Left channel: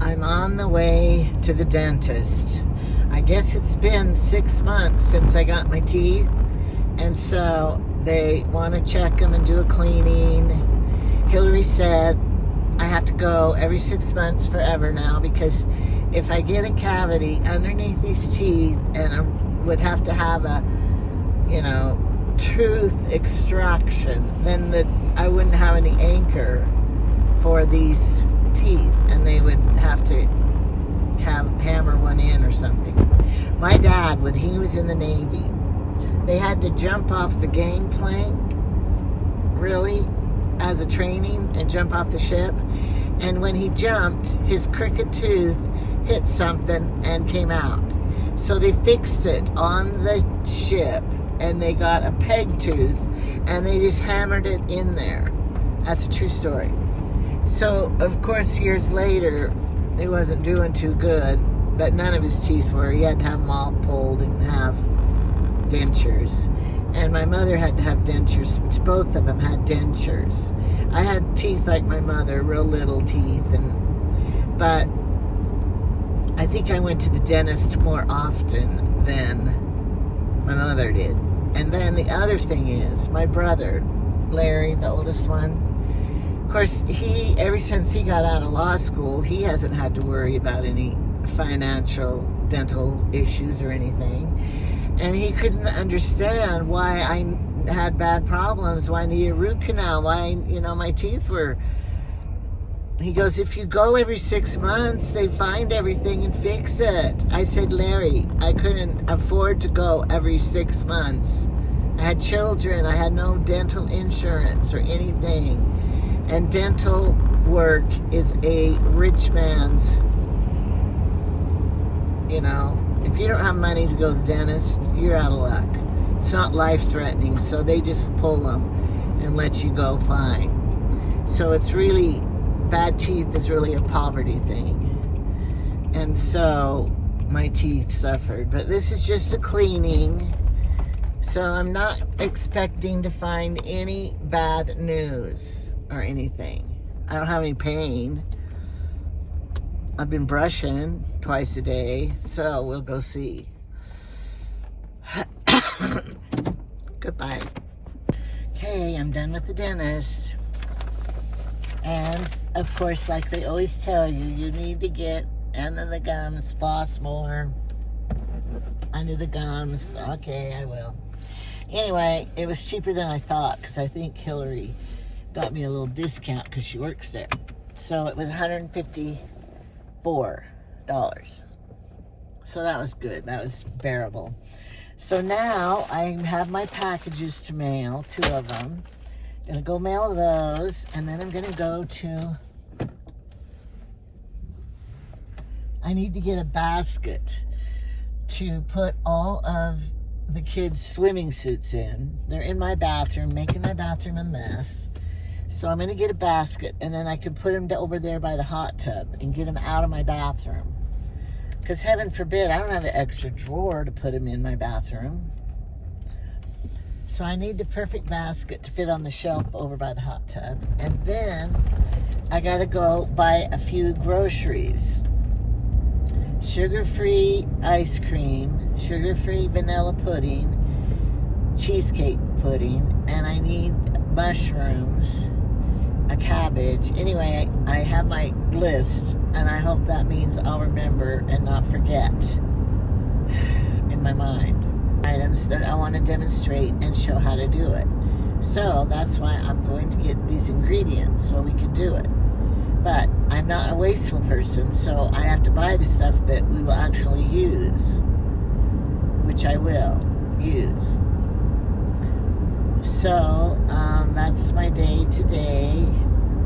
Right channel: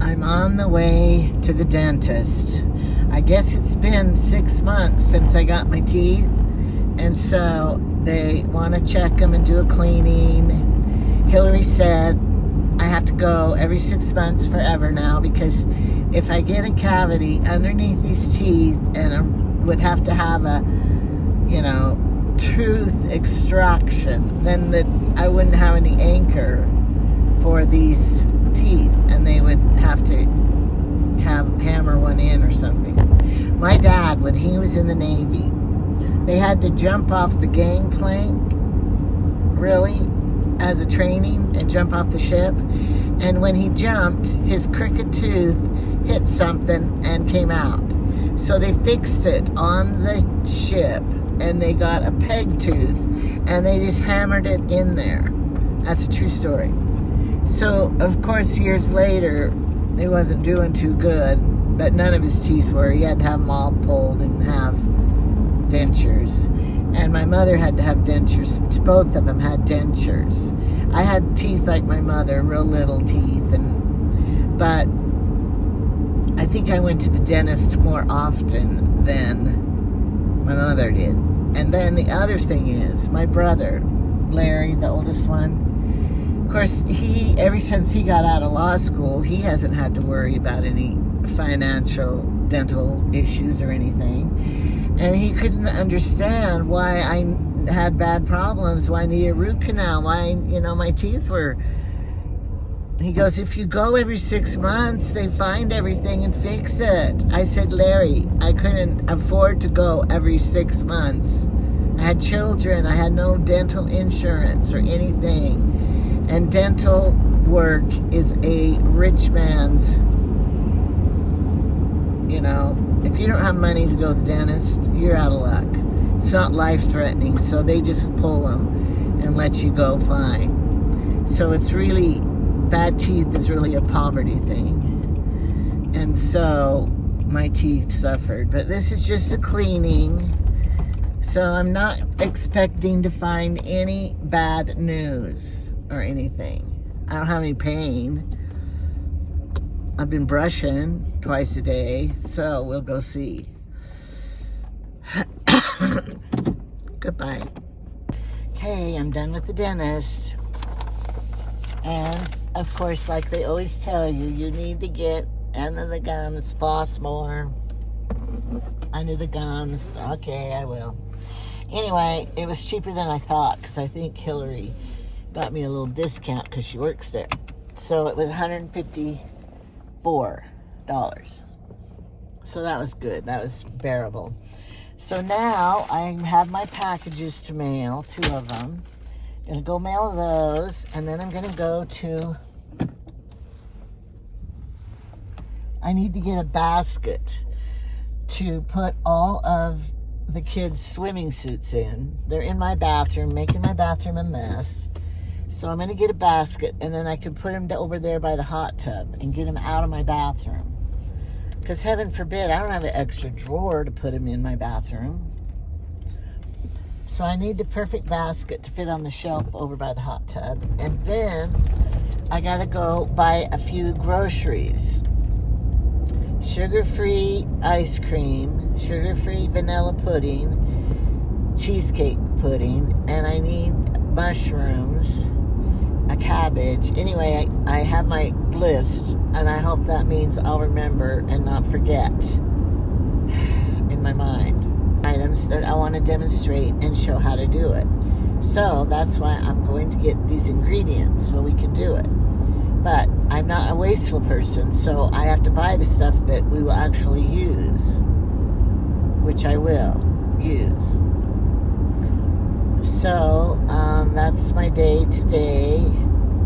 I'm on the way to the dentist. I guess it's been 6 months since I got my teeth, and so they want to check them and do a cleaning. Hillary said I have to go every 6 months forever now, because if I get a cavity underneath these teeth and I would have to have a, tooth extraction, then I wouldn't have any anchor for these teeth, and they would have to hammer one in or something. My dad, when he was in the Navy, they had to jump off the gangplank, really, as a training, and jump off the ship. And when he jumped, his crooked tooth hit something and came out. So they fixed it on the ship, and they got a peg tooth, and they just hammered it in there. That's a true story. So, of course, years later, he wasn't doing too good, but none of his teeth were. He had to have them all pulled and have dentures. And my mother had to have dentures. Both of them had dentures. I had teeth like my mother, real little teeth, but I think I went to the dentist more often than my mother did. And then the other thing is, my brother, Larry, the oldest one, of course, ever since he got out of law school, he hasn't had to worry about any financial dental issues or anything. And he couldn't understand why I had bad problems, why I needed a root canal, why, my teeth were... He goes, if you go every 6 months, they find everything and fix it. I said, Larry, I couldn't afford to go every 6 months. I had children. I had no dental insurance or anything. And dental work is a rich man's, if you don't have money to go to the dentist, you're out of luck. It's not life-threatening, so they just pull them and let you go fine. So it's really, bad teeth is really a poverty thing. And so my teeth suffered. But this is just a cleaning, so I'm not expecting to find any bad news or anything. I don't have any pain. I've been brushing twice a day, so we'll go see. Goodbye. Okay, I'm done with the dentist. And, of course, like they always tell you, you need to get under the gums, floss more. Under the gums. Okay, I will. Anyway, it was cheaper than I thought, because I think Hillary got me a little discount because she works there. So it was $154. So that was good. That was bearable. So now I have my packages to mail, 2 of them. I'm going to go mail those, and then I'm going to go to... I need to get a basket to put all of the kids' swimming suits in. They're in my bathroom, making my bathroom a mess. So I'm going to get a basket, and then I can put them over there by the hot tub and get them out of my bathroom. Because heaven forbid, I don't have an extra drawer to put them in my bathroom. So I need the perfect basket to fit on the shelf over by the hot tub. And then I got to go buy a few groceries. Sugar-free ice cream, sugar-free vanilla pudding, cheesecake pudding, and I need mushrooms, a cabbage. Anyway, I have my list, and I hope that means I'll remember and not forget in my mind items that I want to demonstrate and show how to do it. So that's why I'm going to get these ingredients so we can do it. But I'm not a wasteful person, so I have to buy the stuff that we will actually use, which I will use. So that's my day today,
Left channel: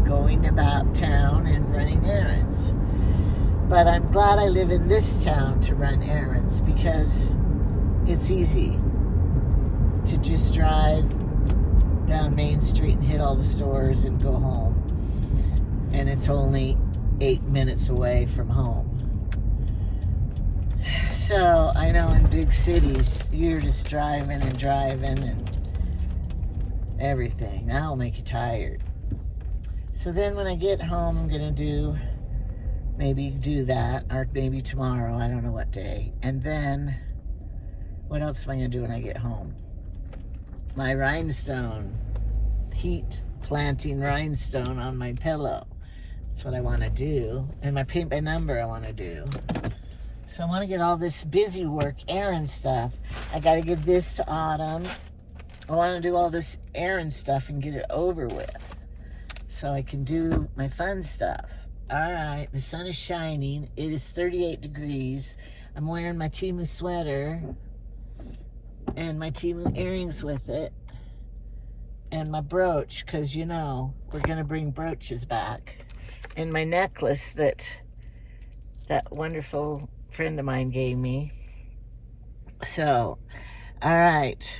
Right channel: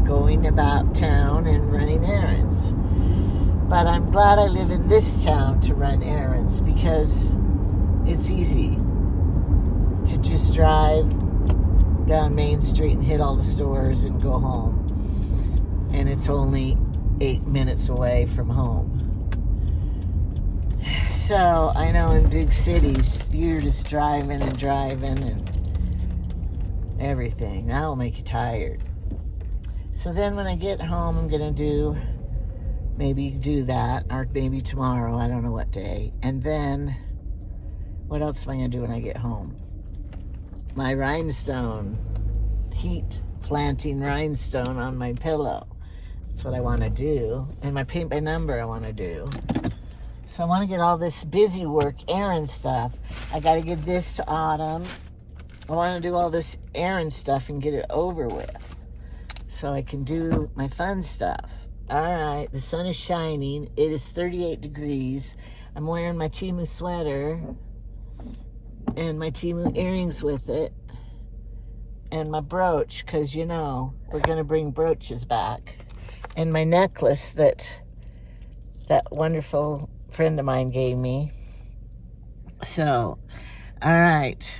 going about town and running errands. But I'm glad I live in this town to run errands, because it's easy to just drive down Main Street and hit all the stores and go home. And it's only 8 minutes away from home. So I know in big cities, you're just driving and everything. That'll make you tired. So then when I get home, I'm going to do Maybe do that, or maybe tomorrow, I don't know what day. And then, what else am I gonna do when I get home? My rhinestone, heat planting rhinestone on my pillow. That's what I wanna do. And my paint by number I wanna do. So I wanna get all this busy work, errand stuff. I gotta get this to Autumn. I wanna do all this errand stuff and get it over with, so I can do my fun stuff. All right, the sun is shining. It is 38 degrees. I'm wearing my Temu sweater and my Temu earrings with it and my brooch, because, you know, we're going to bring brooches back. And my necklace that wonderful friend of mine gave me. So, all right.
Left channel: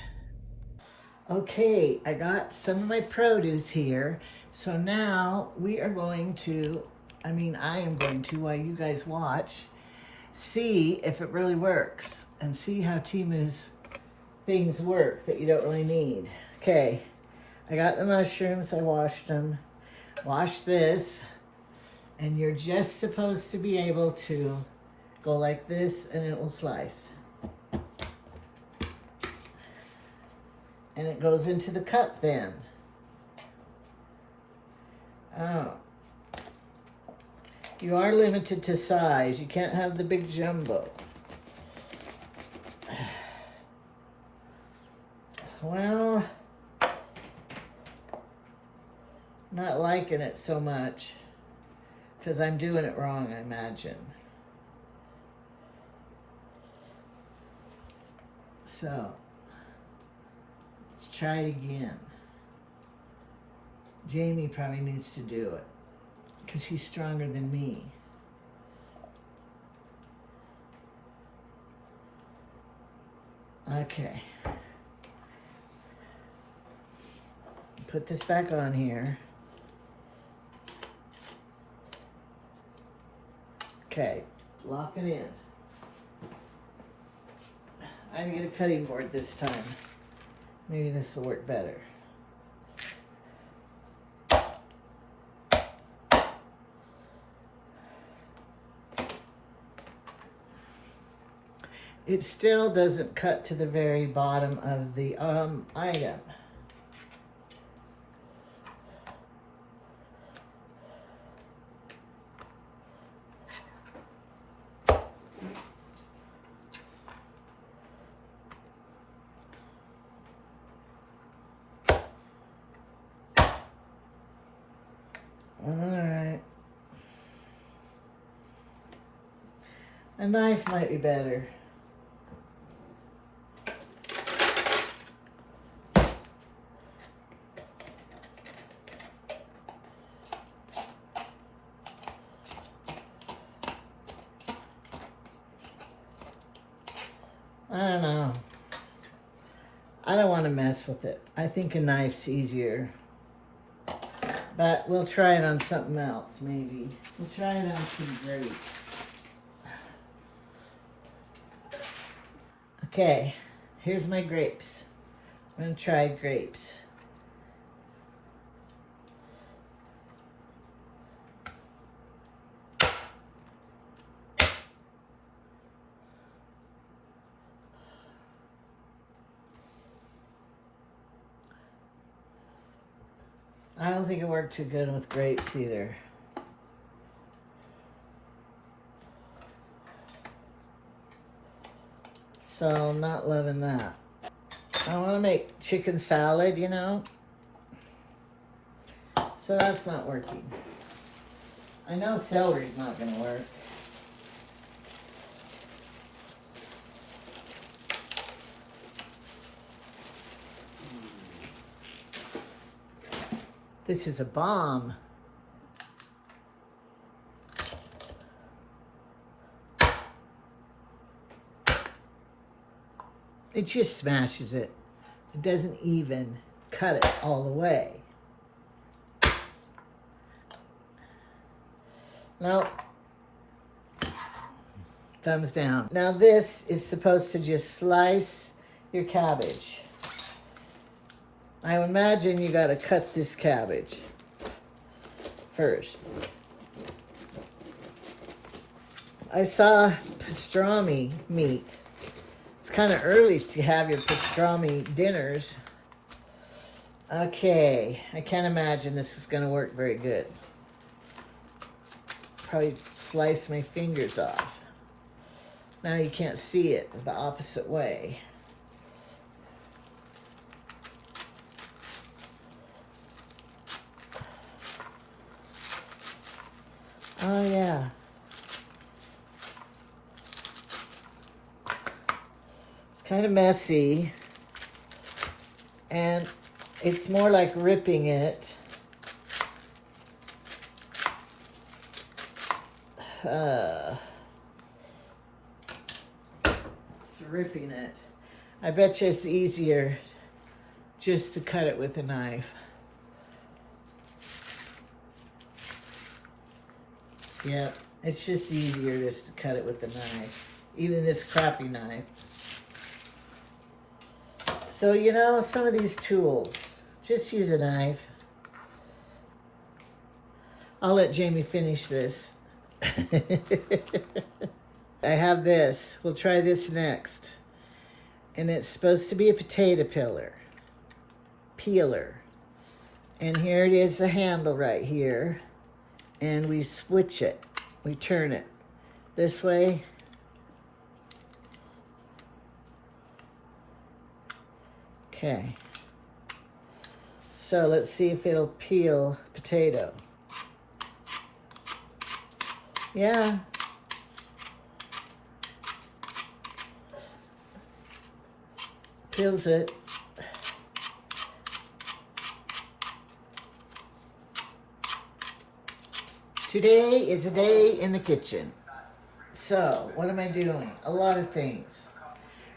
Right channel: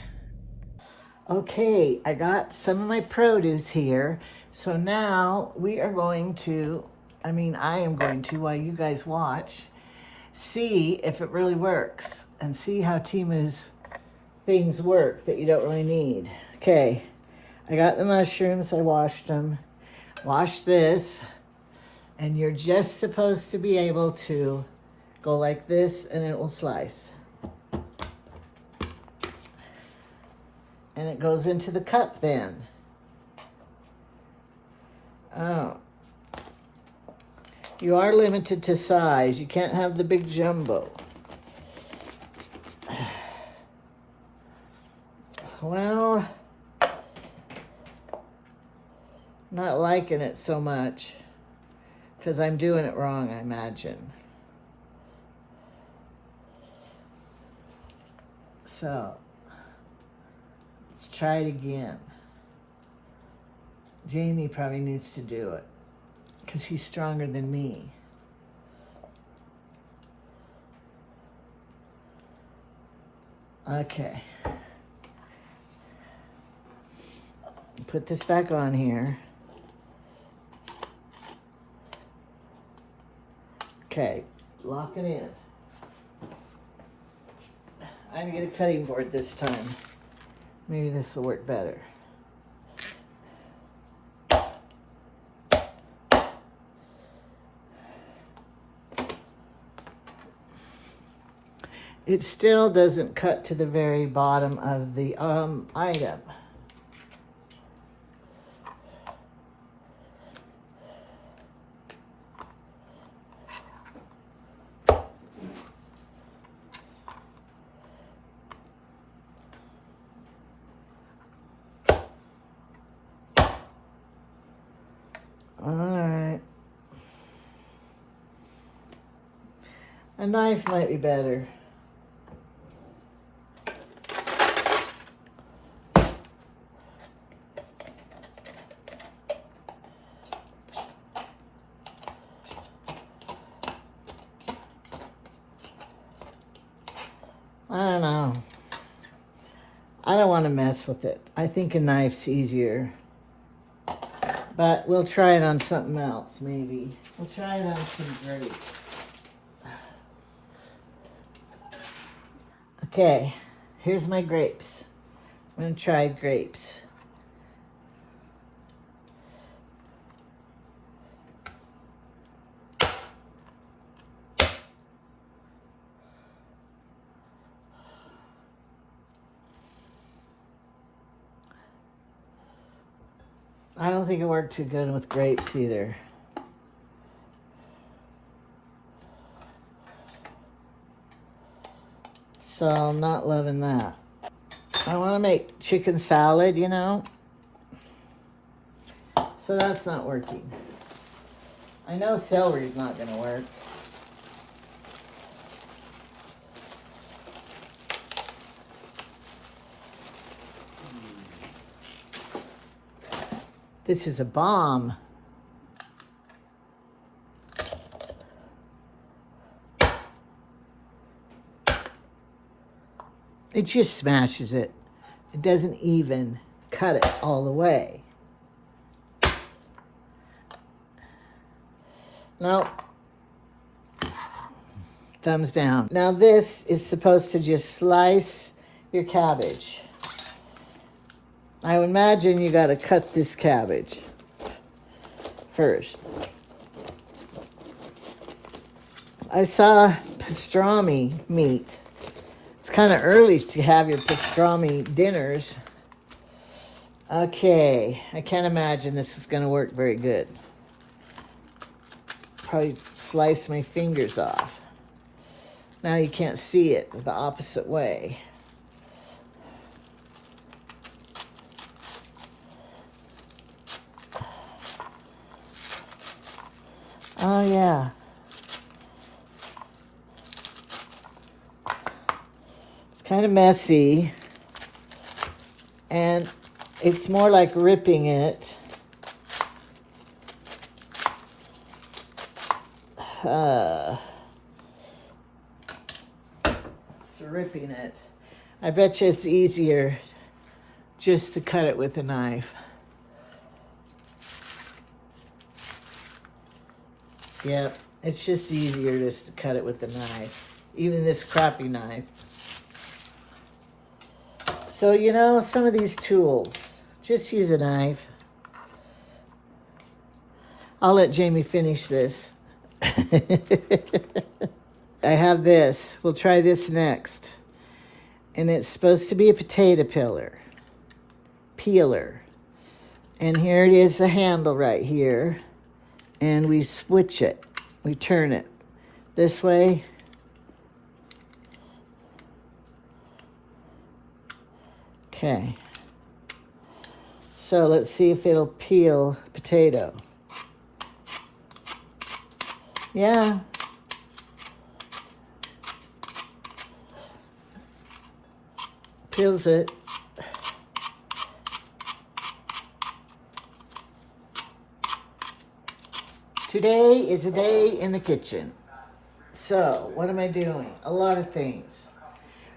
Okay, I got some of my produce here. So now we are going to, I am going to, while you guys watch, see if it really works and see how Temu's things work that you don't really need. Okay, I got the mushrooms, I washed them. Wash this, and you're just supposed to be able to go like this and it will slice. And it goes into the cup then. Oh. You are limited to size. You can't have the big jumbo. Well, not liking it so much because I'm doing it wrong, I imagine. So, let's try it again. Jamie probably needs to do it because he's stronger than me. Okay. Put this back on here. Okay, lock it in. I have to get a cutting board this time. Maybe this will work better. It still doesn't cut to the very bottom of the item. All right. A knife might be better. I don't know. I don't want to mess with it. I think a knife's easier. But we'll try it on something else, maybe. We'll try it on some grapes. Okay, here's my grapes. I'm going to try grapes. I don't think it worked too good with grapes either. So I'm not loving that. I want to make chicken salad, you know. So that's not working. I know celery's not going to work. This is a bomb. It just smashes it. It doesn't even cut it all the way. Nope. Thumbs down. Now this is supposed to just slice your cabbage. I would imagine you got to cut this cabbage first. I saw pastrami meat. It's kind of early to have your pastrami dinners. Okay, I can't imagine this is going to work very good. Probably slice my fingers off. Now you can't see it the opposite way. Oh yeah. It's kind of messy. And it's more like ripping it. It's ripping it. I bet you it's easier just to cut it with a knife. Yeah, it's just easier just to cut it with a knife. Even this crappy knife. So, you know, some of these tools, just use a knife. I'll let Jamie finish this. I have this. We'll try this next. And it's supposed to be a potato peeler. And here it is, the handle right here. And we switch it. We turn it this way. Okay. So let's see if it'll peel potato. Yeah. Peels it. Today is a day in the kitchen. So, what am I doing? A lot of things.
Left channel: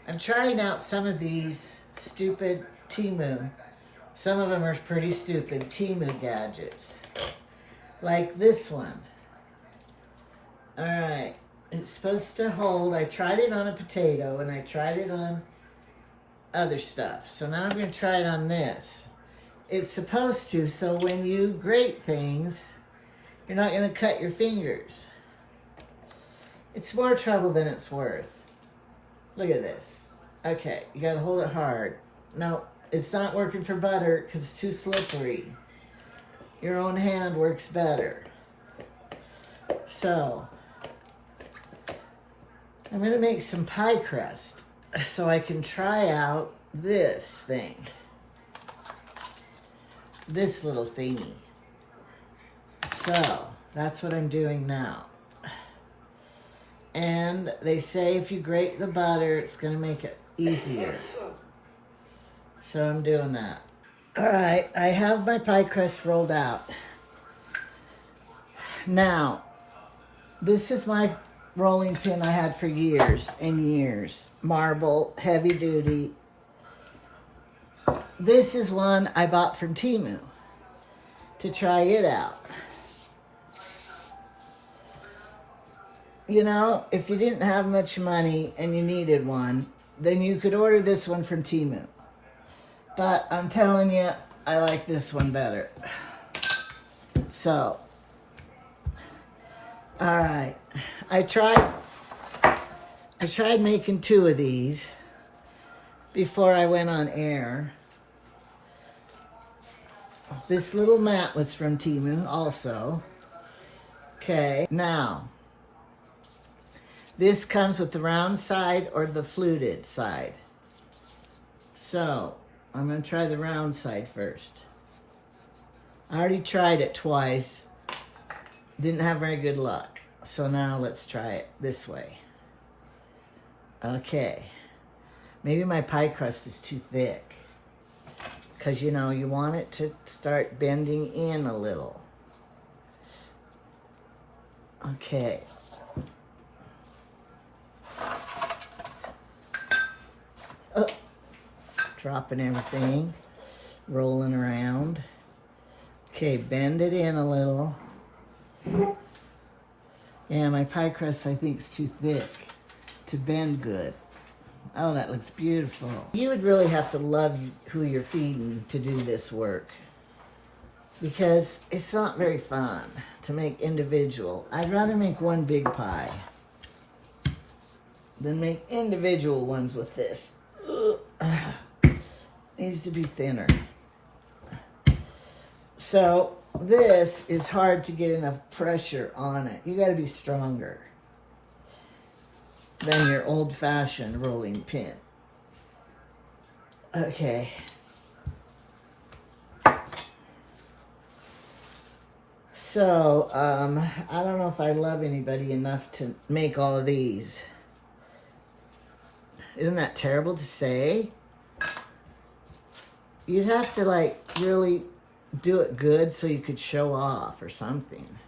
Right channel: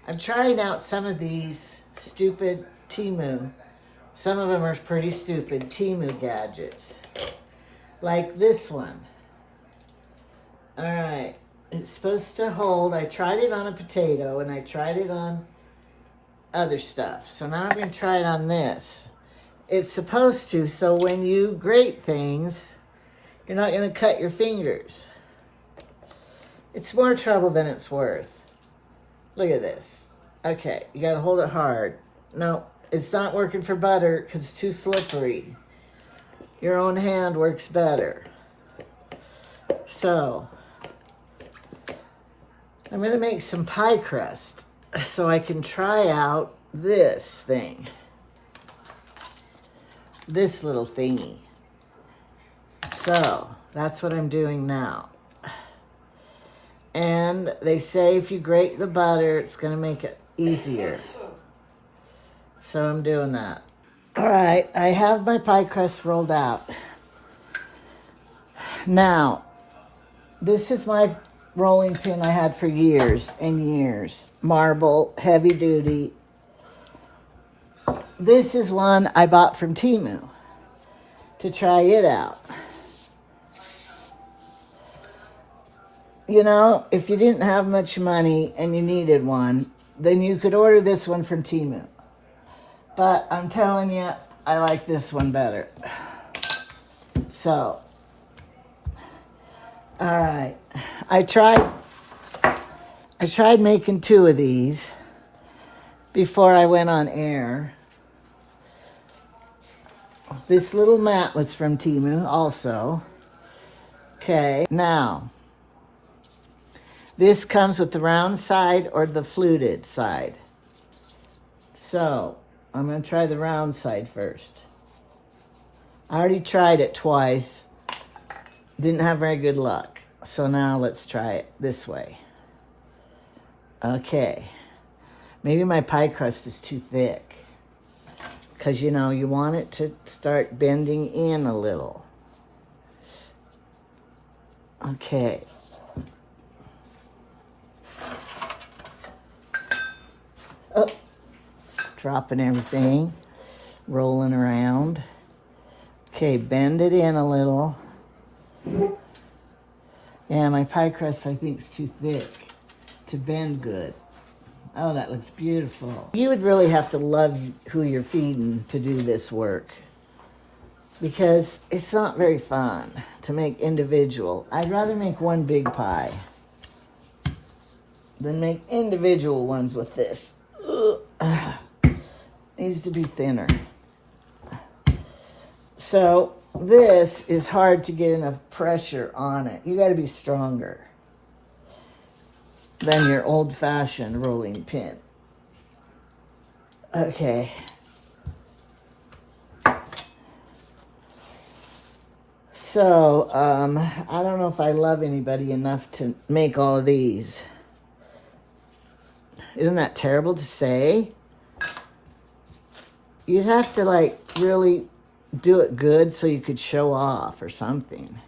I'm trying out some of these stupid Temu. Some of them are pretty stupid Temu gadgets. Like this one. Alright. It's supposed to hold. I tried it on a potato and I tried it on other stuff. So now I'm going to try it on this. It's supposed to, so when you grate things, you're not going to cut your fingers. It's more trouble than it's worth. Look at this. Okay, you got to hold it hard. No, it's not working for butter because it's too slippery. Your own hand works better. So, I'm going to make some pie crust so I can try out this thing. This little thingy. So, that's what I'm doing now. And they say if you grate the butter, it's going to make it easier. So I'm doing that. All right, I have my pie crust rolled out. Now, this is my rolling pin I had for years and years. Marble, heavy duty. This is one I bought from Temu to try it out. You know, if you didn't have much money and you needed one, then you could order this one from Temu. But I'm telling you, I like this one better. So, all right. I tried making 2 of these before I went on air. This little mat was from Temu also. Okay, now, this comes with the round side or the fluted side. So, I'm going to try the round side first. I already tried it twice. Didn't have very good luck. So now let's try it this way. Okay. Maybe my pie crust is too thick. Because, you know, you want it to start bending in a little. Okay. Oh. Dropping everything. Rolling around. Okay, bend it in a little. Yeah, my pie crust, I think, is too thick to bend good. Oh, that looks beautiful. You would really have to love who you're feeding to do this work, because it's not very fun to make individual. I'd rather make one big pie. then make individual ones with this. Needs to be thinner. So this is hard to get enough pressure on it. You got to be stronger than your old-fashioned rolling pin. Okay. So, I don't know if I love anybody enough to make all of these. Isn't that terrible to say? You'd have to, like, really do it good so you could show off or something.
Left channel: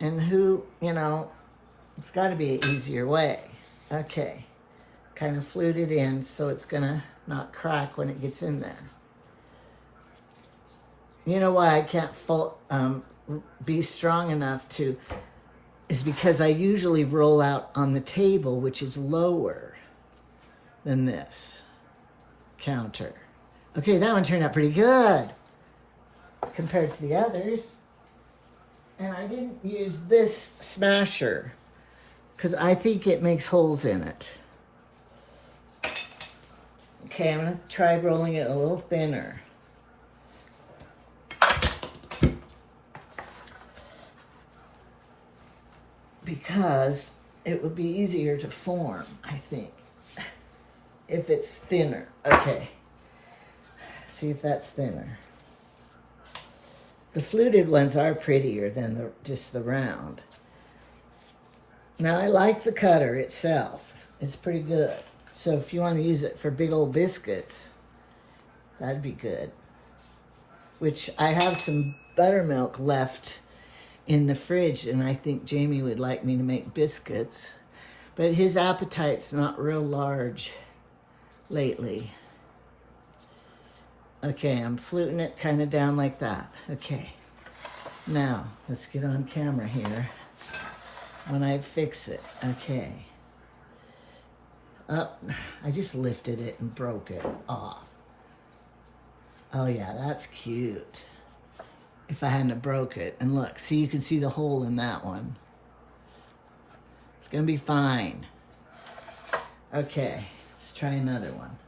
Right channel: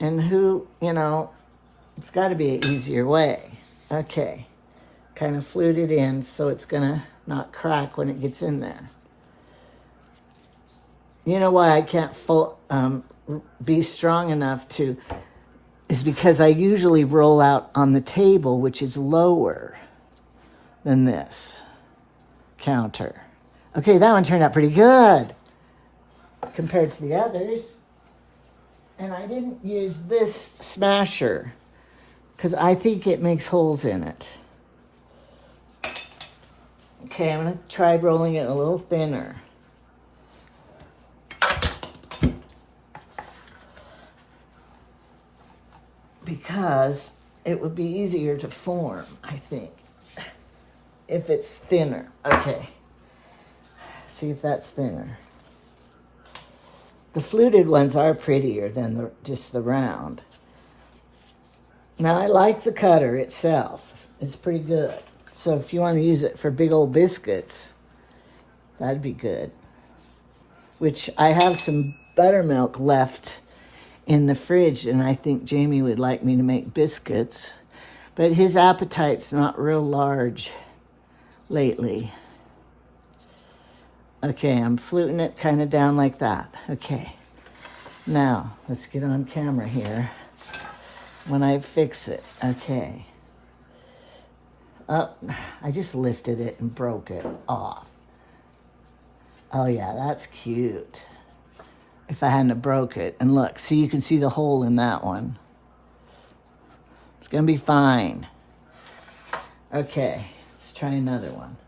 And who, you know, it's got to be an easier way. Okay. Kind of flute it in so it's going to not crack when it gets in there. You know why I can't be strong enough to, is because I usually roll out on the table, which is lower than this counter. Okay, that one turned out pretty good compared to the others. And I didn't use this smasher because I think it makes holes in it. Okay, I'm going to try rolling it a little thinner. Because it would be easier to form, I think, if it's thinner. Okay. See if that's thinner. The fluted ones are prettier than just the round. Now, I like the cutter itself. It's pretty good. So if you want to use it for big old biscuits, that'd be good. Which I have some buttermilk left in the fridge, and I think Jamie would like me to make biscuits. But his appetite's not real large lately. Okay, I'm fluting it kind of down like that. Okay. Now, let's get on camera here when I fix it. Okay. Oh, I just lifted it and broke it off. Oh yeah, that's cute. If I hadn't have broke it. And look, see, you can see the hole in that one. It's gonna be fine. Okay, let's try another one.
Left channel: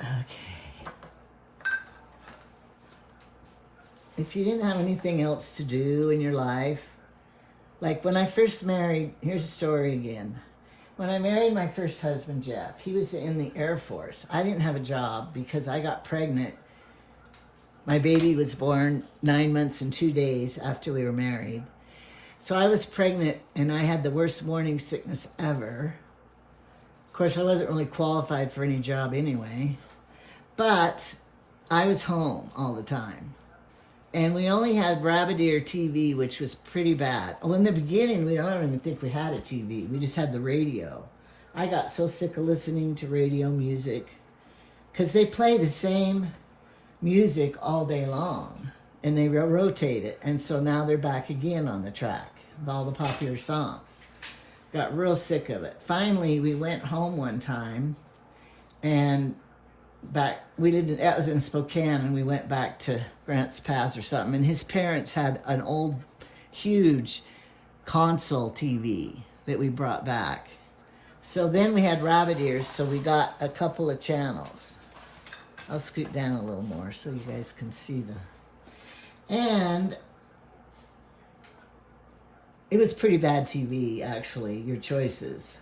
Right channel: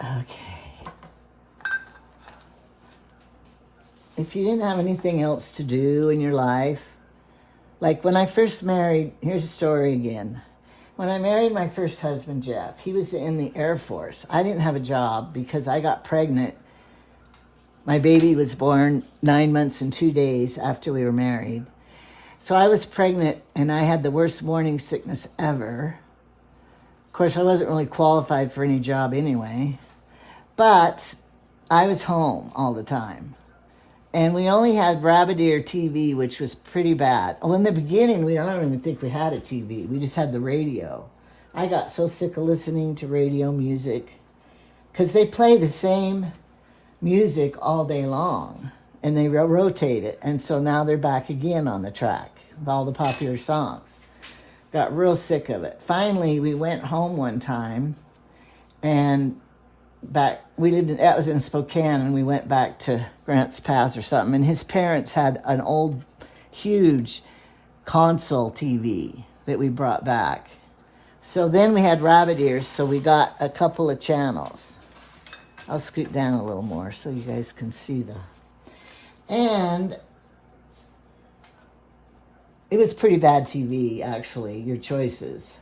Okay. If you didn't have anything else to do in your life, like when I first married, here's a story again. When I married my first husband, Jeff, he was in the Air Force. I didn't have a job because I got pregnant. My baby was born 9 months and 2 days after we were married. So I was pregnant and I had the worst morning sickness ever. Of course, I wasn't really qualified for any job anyway. But I was home all the time. And we only had Rabbit Ear TV, which was pretty bad. Well, in the beginning, I don't even think we had a TV. We just had the radio. I got so sick of listening to radio music because they play the same music all day long and they rotate it. And so now they're back again on the track of all the popular songs. Got real sick of it. Finally, we went home one time and that was in Spokane, and we went back to Grants Pass or something, and his parents had an old, huge console TV that we brought back. So then we had rabbit ears, so we got a couple of channels. I'll scoot down a little more so you guys can see and it was pretty bad TV, actually, your choices.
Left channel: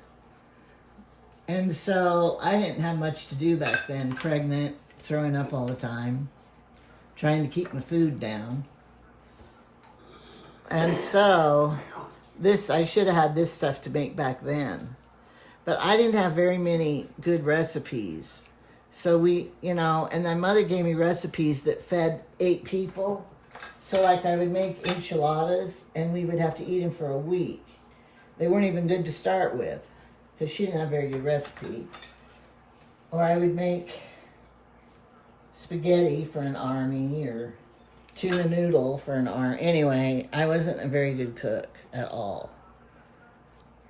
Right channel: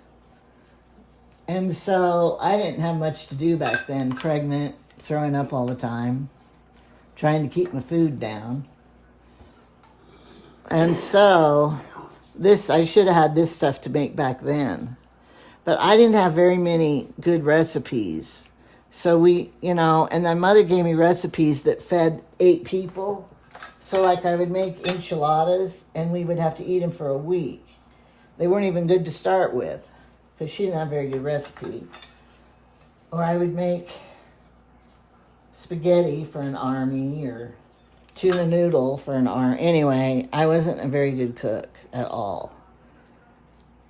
And so I didn't have much to do back then, pregnant, throwing up all the time, trying to keep my food down. And so I should have had this stuff to make back then. But I didn't have very many good recipes. So and my mother gave me recipes that fed 8 people. So like I would make enchiladas and we would have to eat them for a week. They weren't even good to start with, because she didn't have a very good recipe. Or I would make spaghetti for an army or tuna noodle for an army. Anyway, I wasn't a very good cook at all.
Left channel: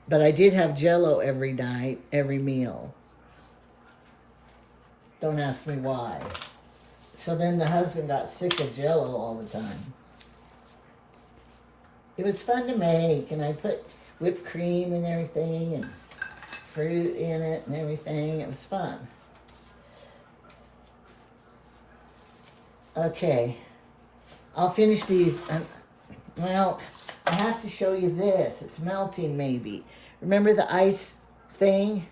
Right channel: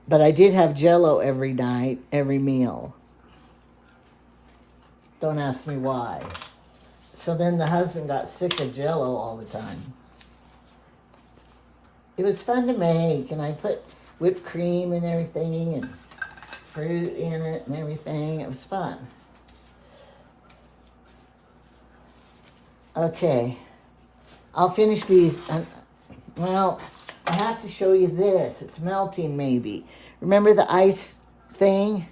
But I did have Jell-O every night, every meal. Don't ask me why. So then the husband got sick of Jell-O all the time. It was fun to make, and I put whipped cream and everything, and fruit in it and everything. It was fun. Okay, I'll finish these. Well, I have to show you this. It's melting maybe. Remember the ice thing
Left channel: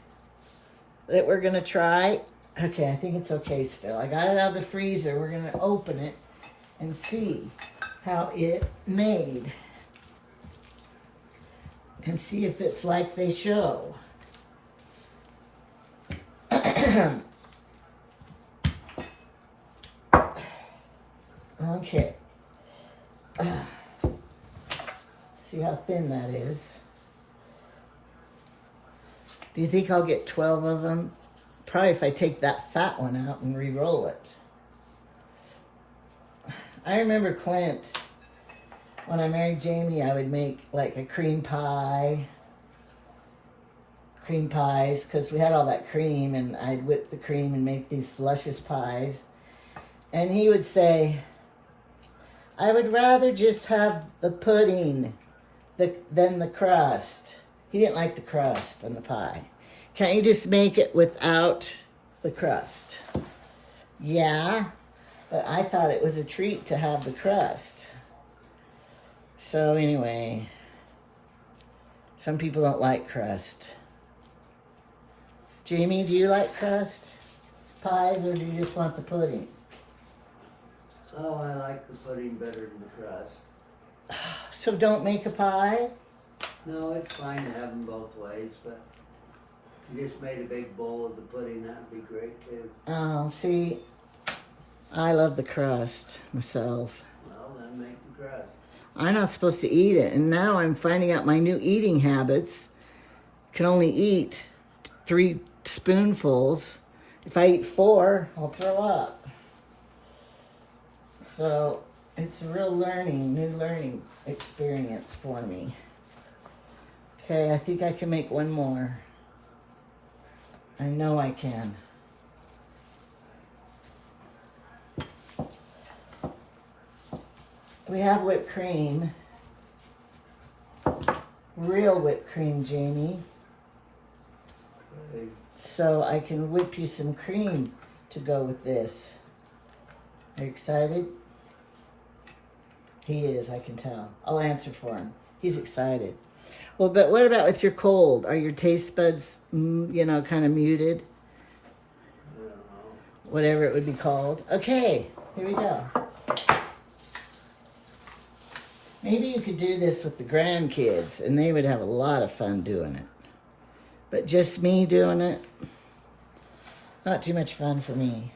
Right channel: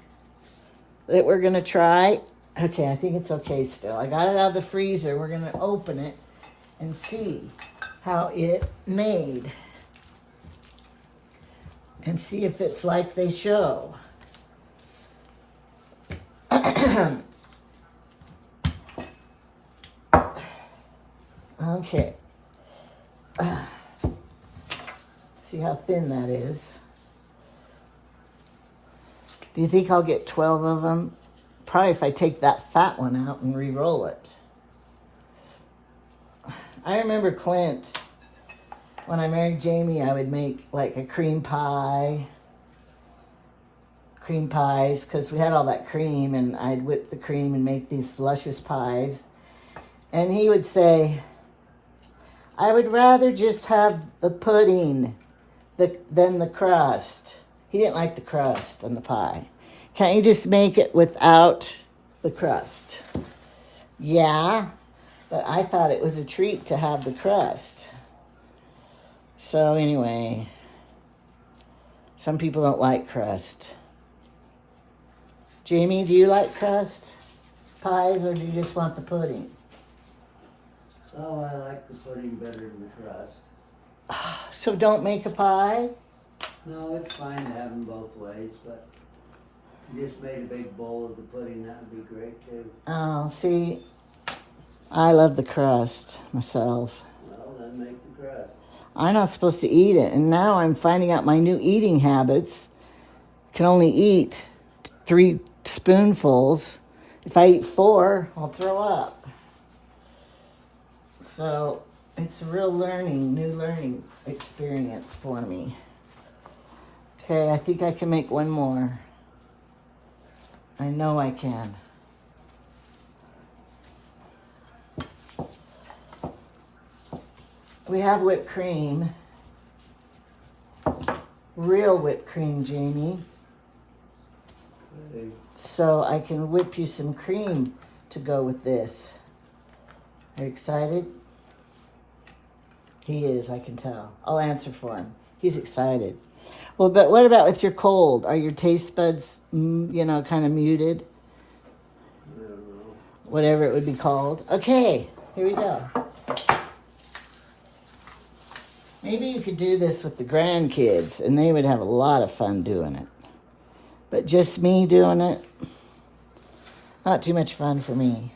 that we're gonna try? Okay, I think it's okay still. I got it out of the freezer. We're gonna open it and see how it made. And see if it's like they show. Okay. See how thin that is. Do you think I'll get 12 of them? Probably if I take that fat one out and re-roll it. I remember Clint, when I married Jamie, I would make like a cream pies, because we had all that cream, and I'd whip the cream and make these luscious pies. And he would say, I would rather just have the pudding than the crust. He didn't like the crust on the pie. Can't you just make it without the crust? Yeah, but I thought it was a treat to have the crust. So anyway, some people don't like crust. Jamie, do you like crust pies, or do you just want the pudding? Oh, I like the pudding better than the crust. So don't make a pie? No, it's fine to have them both ways, but if you just made a big bowl of the pudding, that would be great too. Oh, see, I love the crust myself. Well, then make the crust. I'm not supposed to eat it, and now I'm finding out my new eating habits. Can only eat 3 spoonfuls. If I eat 4, I'll throw up. So it's a real new learning experience for me. Okay, I think I can make one more. I know I can. We have whipped cream. Real whipped cream, Jamie. Okay. So I can whip you some cream to go with this. Are you excited? He is, I can tell. I'll answer for him. He's excited. Well, but what about with your cold? Are your taste buds, kind of muted? I don't know. Whatever it would be called. Okay, here we go. Maybe you could do this with the grandkids, and they would have a lot of fun doing it. But just me doing it, not too much fun for me.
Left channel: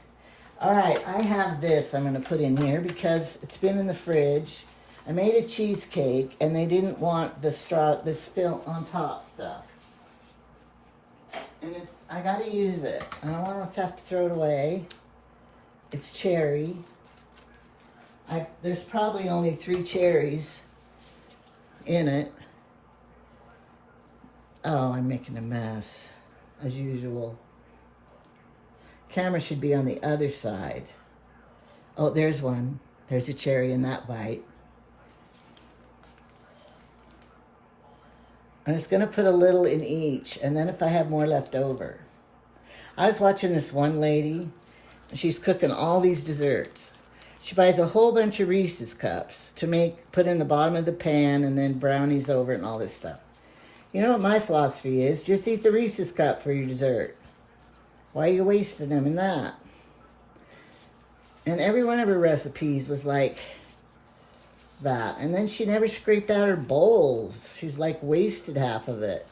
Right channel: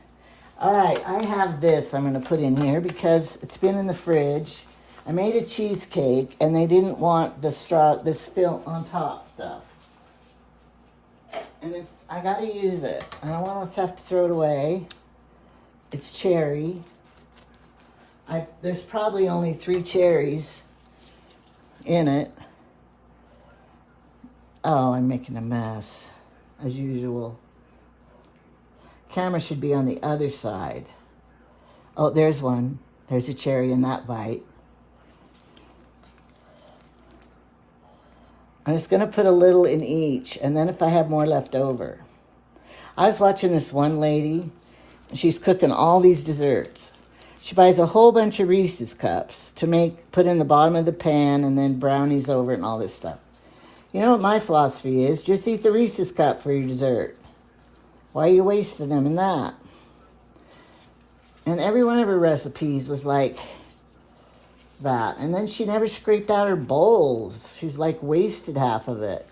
All right, I have this I'm going to put in here because it's been in the fridge. I made a cheesecake, and they didn't want this fill on top stuff. And I got to use it. I don't want to have to throw it away. It's cherry. There's probably only 3 cherries in it. Oh, I'm making a mess, as usual. Camera should be on the other side. Oh, there's one. There's a cherry in that bite. I'm just going to put a little in each, and then if I have more left over. I was watching this one lady. She's cooking all these desserts. She buys a whole bunch of Reese's cups to put in the bottom of the pan, and then brownies over it and all this stuff. You know what my philosophy is? Just eat the Reese's cup for your dessert. Why are you wasting them in that? And every one of her recipes was like that. And then she never scraped out her bowls. She's like wasted half of it.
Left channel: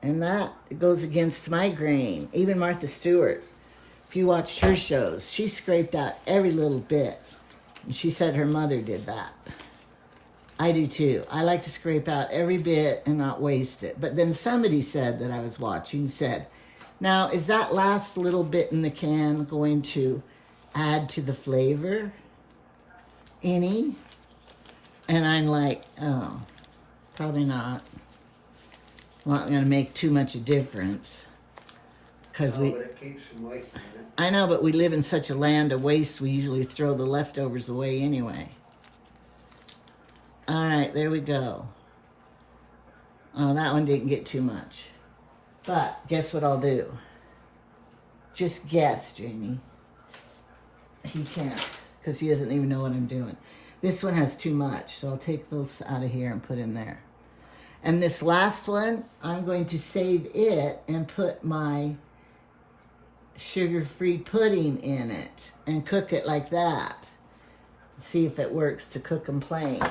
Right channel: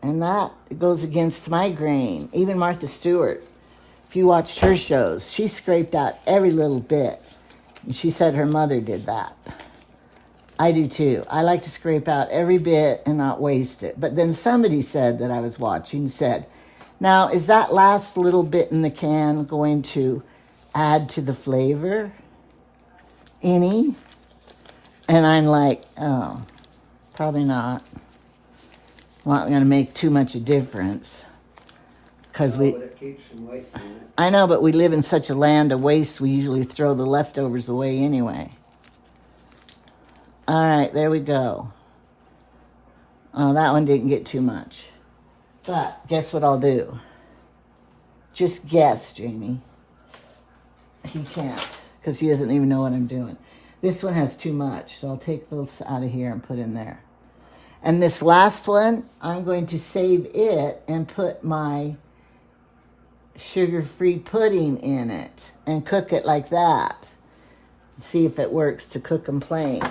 And that goes against my grain. Even Martha Stewart, if you watched her shows, she scraped out every little bit. And she said her mother did that. I do too. I like to scrape out every bit and not waste it. But then somebody said that I was watching, said, now, is that last little bit in the can going to add to the flavor any? And I'm like, oh, probably not. Not going to make too much a difference. Because But it keeps from wasting it. I know, but we live in such a land of waste, we usually throw the leftovers away anyway. All right, there we go. Oh, that one didn't get too much. But guess what I'll do? Just guess, Jamie. He can't, because he doesn't even know what I'm doing. This one has too much, so I'll take those out of here and put in there. And this last one, I'm going to save it and put my sugar-free pudding in it and cook it like that. See if it works to cook them plain.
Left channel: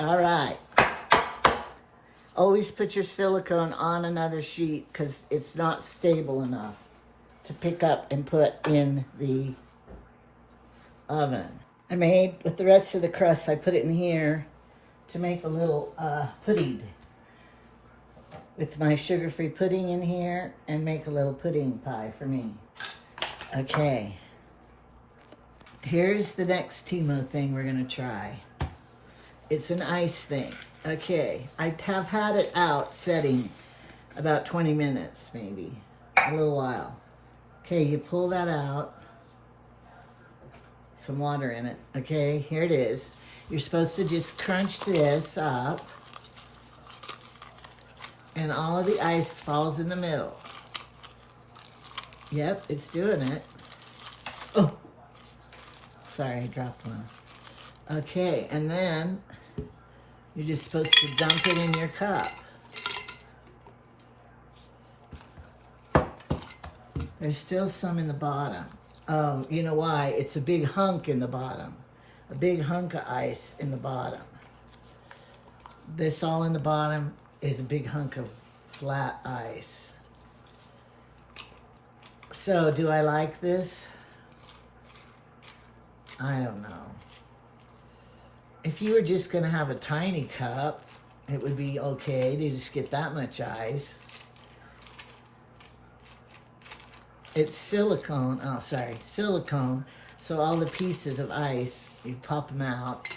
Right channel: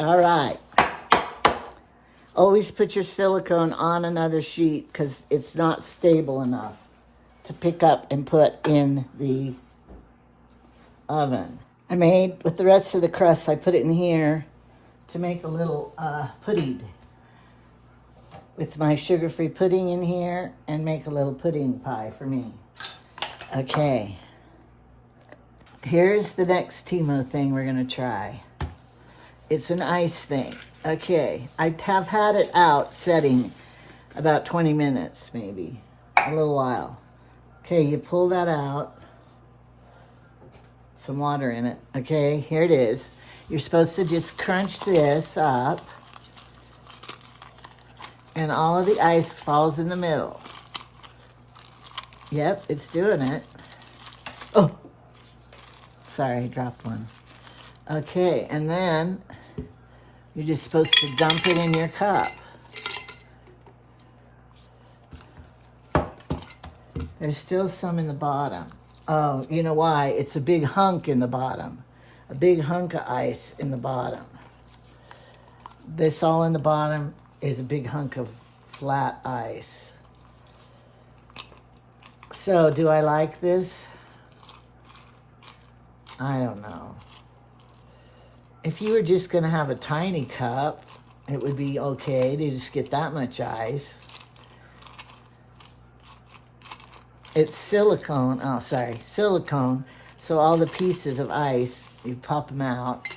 All right. Always put your silicone on another sheet because it's not stable enough to pick up and put in the oven. I made, with the rest of the crust, I put it in here to make a little pudding. With my sugar-free pudding in here and make a little pudding pie for me. Okay. Here's the next Temu thing we're gonna try. It's an ice thing. Okay, I have had it out setting about 20 minutes, maybe, a little while. Okay, you pull that out. Some water in it. Okay, here it is. You're supposed to just crunch this up and all of the ice falls in the middle. Yep, it's doing it. Oh, sorry, I dropped one. Okay, and then you're just supposed to dump it in your cup. There's still some in the bottom. Oh, you know why? It's a big hunk in the bottom. A big hunk of ice in the bottom. This all in the bottom is a big hunk of flat ice. So, do I like this? I don't know. If you were just going to have a tiny cup, it would be okay to just get that much ice. It's silicone. Oh, sorry. Silicone. So all the pieces of ice, you pop them out.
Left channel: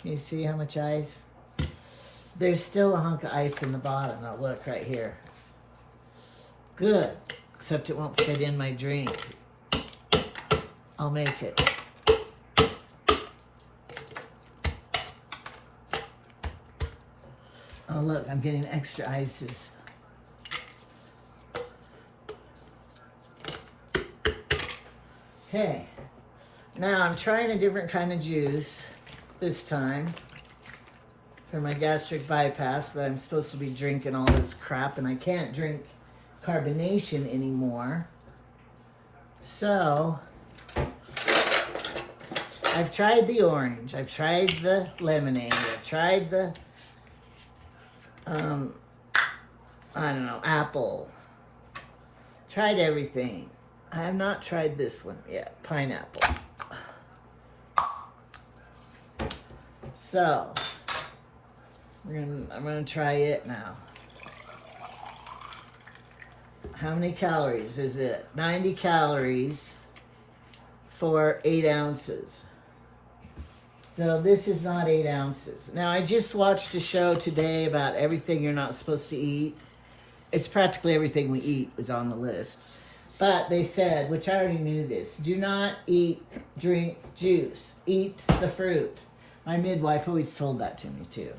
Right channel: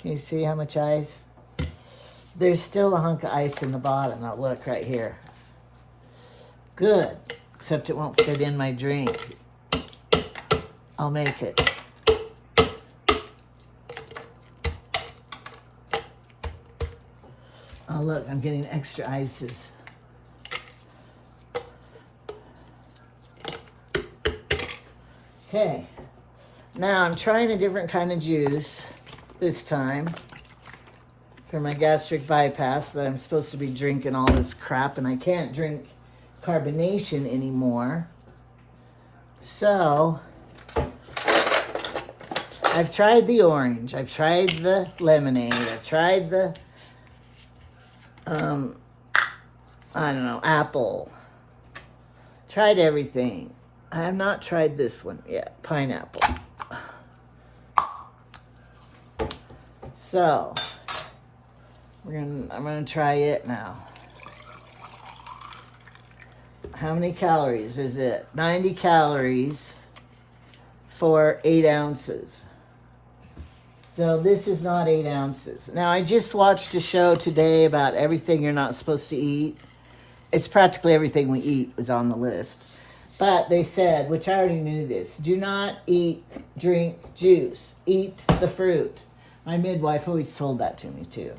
Can you see how much ice? There's still a hunk of ice in the bottom. Now look right here. Good. Except it won't fit in my drink. I'll make it. Oh look, I'm getting extra ices. Okay. Now I'm trying a different kind of juice this time for my gastric bypass that I'm supposed to be drinking all this crap and I can't drink carbonation anymore. So I've tried the orange, I've tried the lemonade, I've tried the I don't know, apple. Tried everything. I have not tried this one yet, pineapple. So, I'm gonna try it now. How many calories is it? 90 calories for 8 ounces. So this is not 8 ounces. Now I just watched a show today about everything you're not supposed to eat. It's practically everything we eat was on the list. But they said, which I already knew this, do not eat, drink juice. Eat the fruit. My midwife always told that to me too.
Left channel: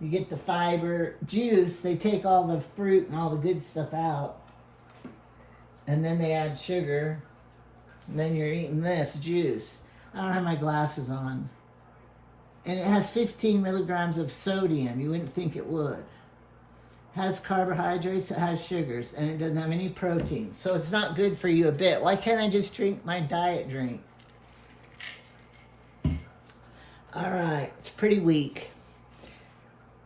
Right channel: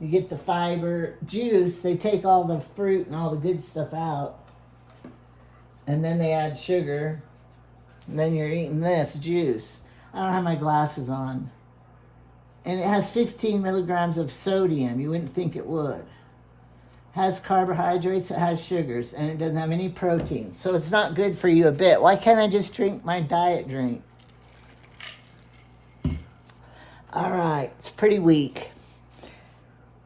You get the fiber juice, they take all the fruit and all the good stuff out. And then they add sugar. And then you're eating this juice. I don't have my glasses on. And it has 15 milligrams of sodium. You wouldn't think it would. It has carbohydrates, it has sugars, and it doesn't have any protein. So it's not good for you a bit. Why can't I just drink my diet drink? All right, it's pretty weak.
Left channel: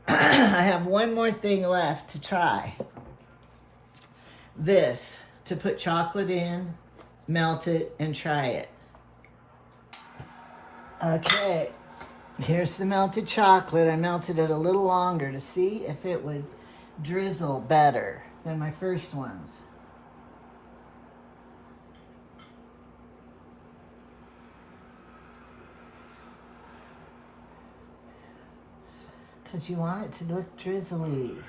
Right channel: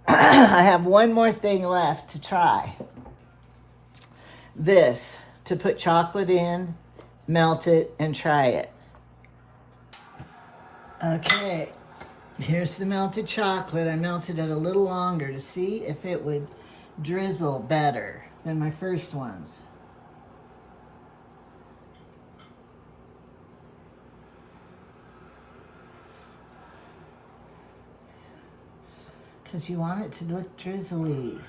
I have one more thing left to try. This, to put chocolate in, melt it, and try it. Okay, here's the melted chocolate. I melted it a little longer to see if it would drizzle better than my first ones. Because you want it to look drizzly.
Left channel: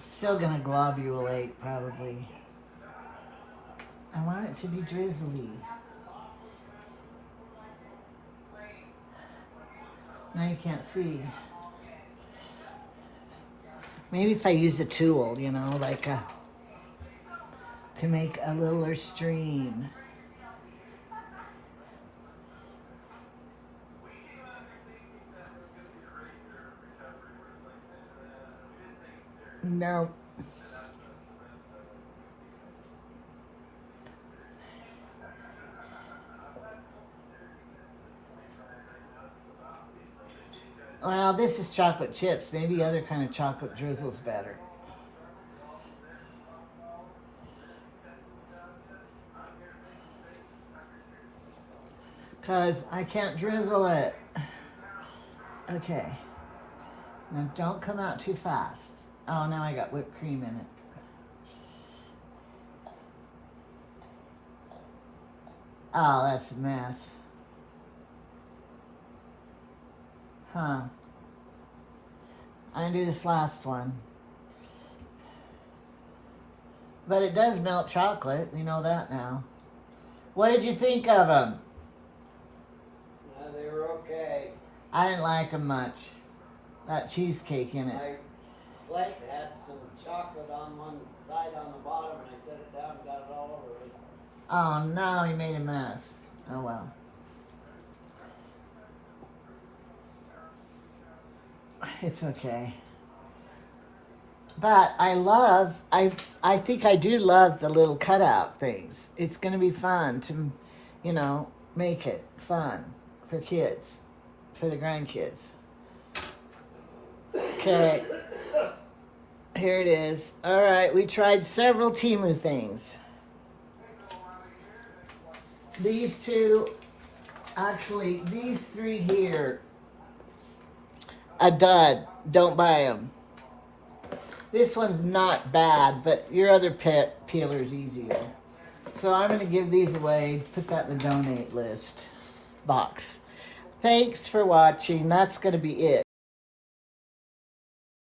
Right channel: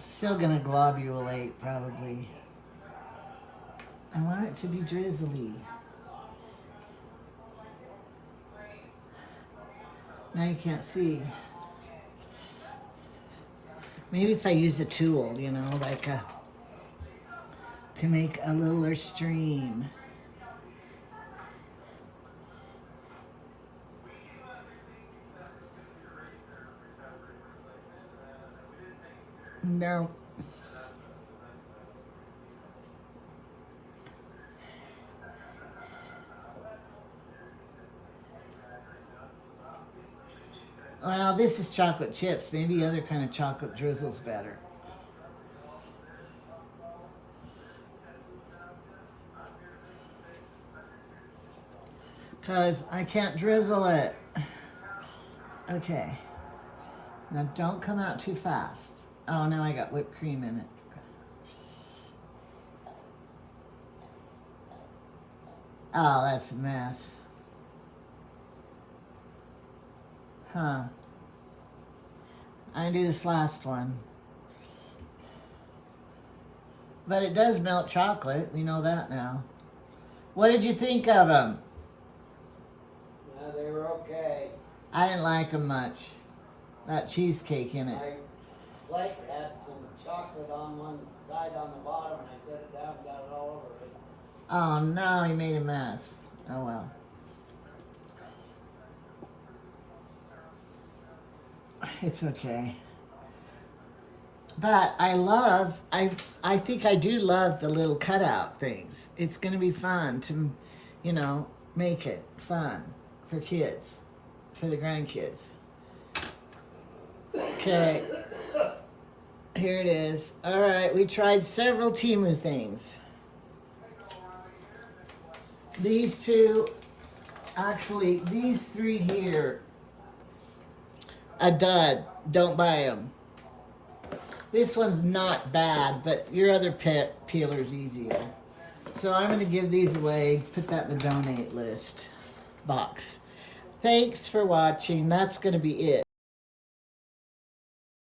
Still gonna globulate, probably. I want it to be drizzly. Now you can't see. Maybe if I use a tool, you know, like to make a littler stream. No. Well, this is chocolate chips. Maybe other kind of chocolate drizzle's better. Because I can't drizzle it. Okay. Now don't come out too fast. Oh, now I got whipped cream in it. Oh, that's a mess. Huh. I'm gonna do this last one. But it does melt chocolate. We know that now. What did you think of them? No, they were okay. I didn't like them much. That cheesecake in it. My plate had some chocolate on one side on the bottom, and I set it down and got it all over it. Oh no, he made a mess. Oh well. It's okay. But I think I do love the little cutout things. It's going to be fun to, you know, make it fun for kids, for the grandkids. Okay. Here it is. All right, we tried several Temu things. These two, actually, these three here, a dud. Don't buy them. This one's not bad, but your other peeler's easier. So I'm going to give these away, put that in the donate list box. Thanks for watching. That's going to be it.